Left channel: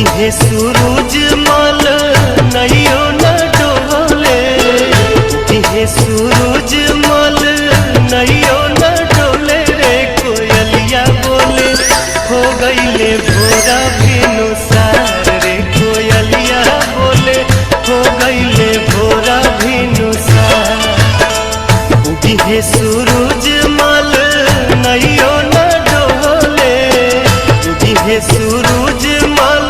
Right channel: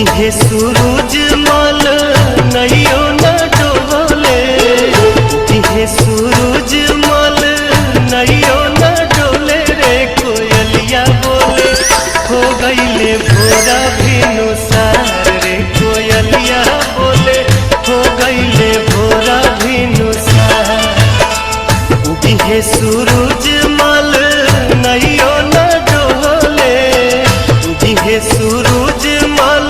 उगिहे सूरज मल नैयो न डोले, उगिहे सूरज मल नैयो न डोले रे कोयलिया बोले हो गईले भोरा भिनुसार रे कोयलिया बोले हो गईले भोरा भिनुसार। उगिहे सूरज मल नैयो न डोले, उगिहे सूरज मल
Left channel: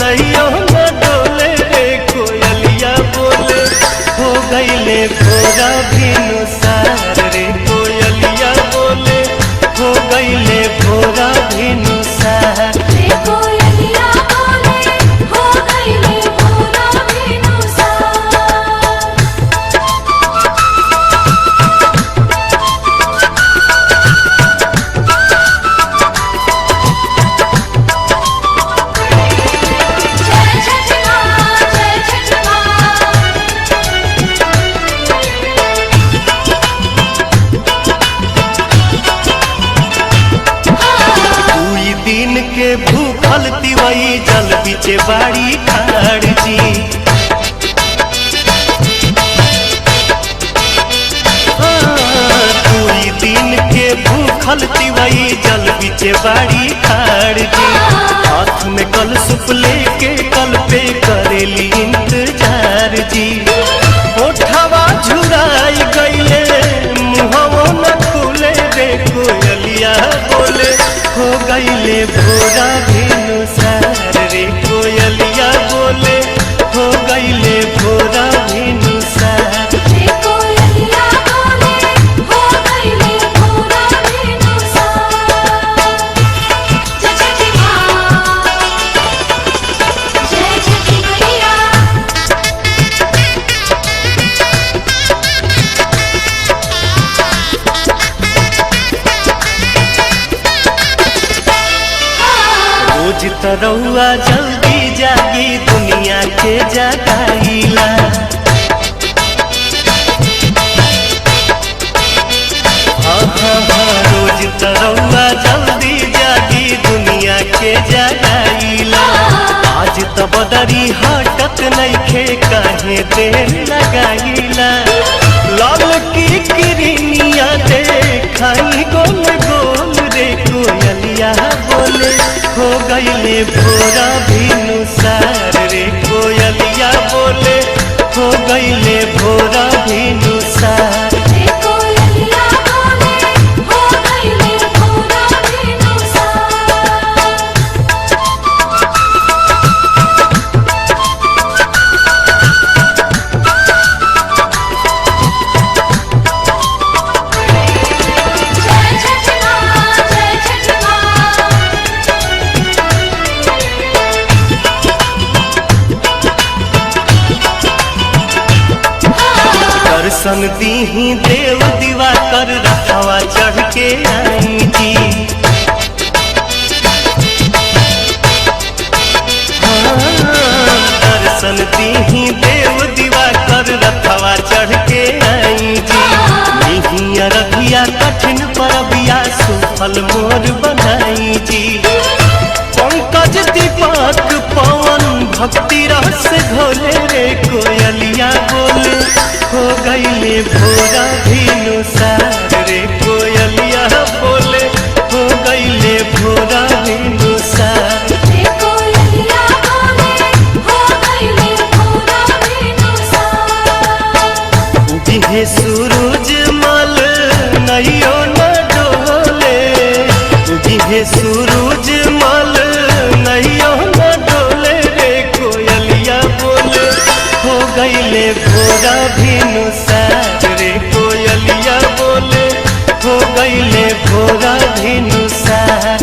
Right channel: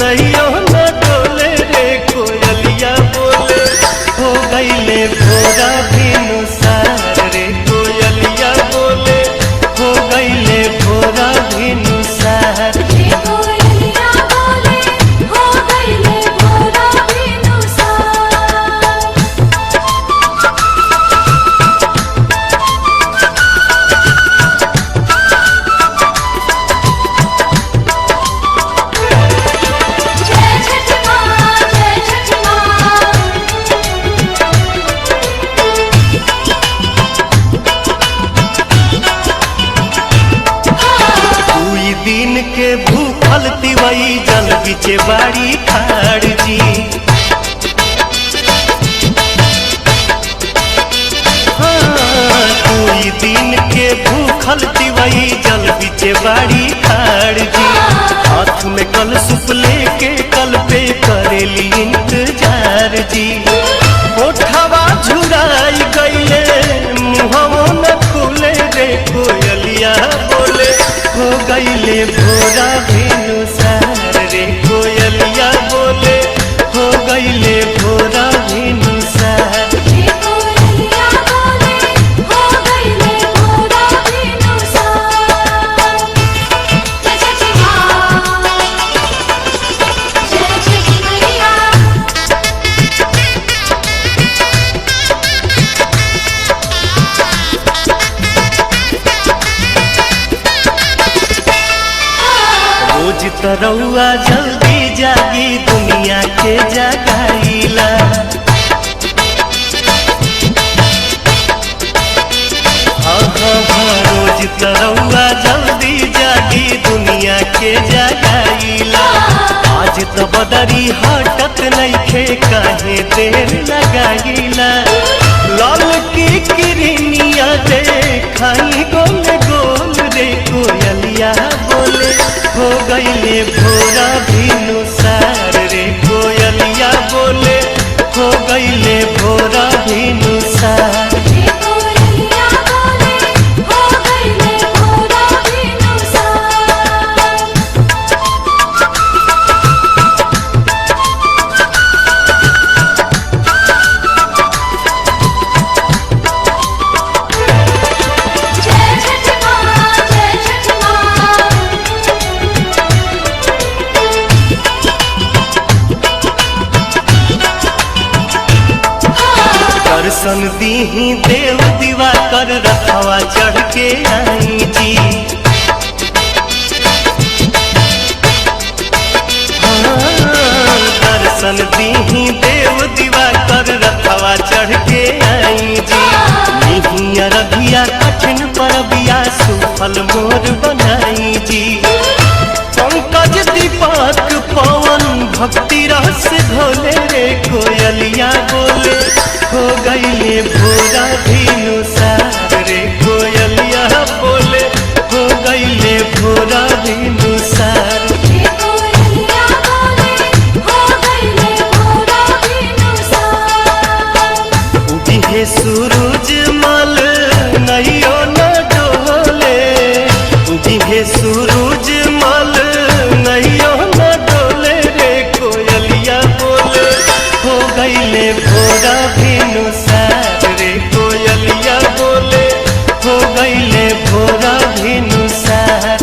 नैयो न डोले रे कोयलिया बोले हो गईले भोरा भिनुसार रे कोयलिया बोले हो गईले भोरा भिनुसार। दिन के भूखल तिवई जल बिचे बाड़ी खाड़ जी, कोई दिन के भूखल तिवई जल बिचे बाड़ी खाड़ जी। हाथ में कल सुप लेके कल पे करेली इंतजार जी। ओठवा झुराई गईले मुहवो न खुले रे कोयलिया बोले हो गईले भोरा भिनुसार रे कोयलिया बोले हो गईले भोरा भिनुसार। रोज तरौआ जल्दी जागी दुनिया के जगाईला, हाँ हाँ हाँ रोज तरौआ जल्दी जागी दुनिया के जगाईला। आज तो बदरी हटत नइखे काहे देर लगाईला। लाल की किरनिया देखाई गोल गोल रे कोयलिया बोले हो गईले भोरा भिनुसार रे कोयलिया बोले हो गईले भोरा भिनुसार। दर्शन दीही देव दीवा कर रखवा चढ़ के आई जी। हाँ दर्शन दीही देव दीवा कर रखवा चढ़ के आई जी। नहीं अरबिया कठिन परबिया सुफल मोर बनाई जी। पंकज दीपक पवन भक्ति रस घोले रे कोयलिया बोले हो गईले भोरा भिनुसार रे कोयलिया बोले हो गईले भोरा भिनुसार। उगिहे सूरज मल नैयो न डोले, उगिहे सूरज मल नैयो न डोले रे कोयलिया बोले हो गईले भोरा भिनुसार रे कोयलिया बोले हो गईले भोरा भिनुसार।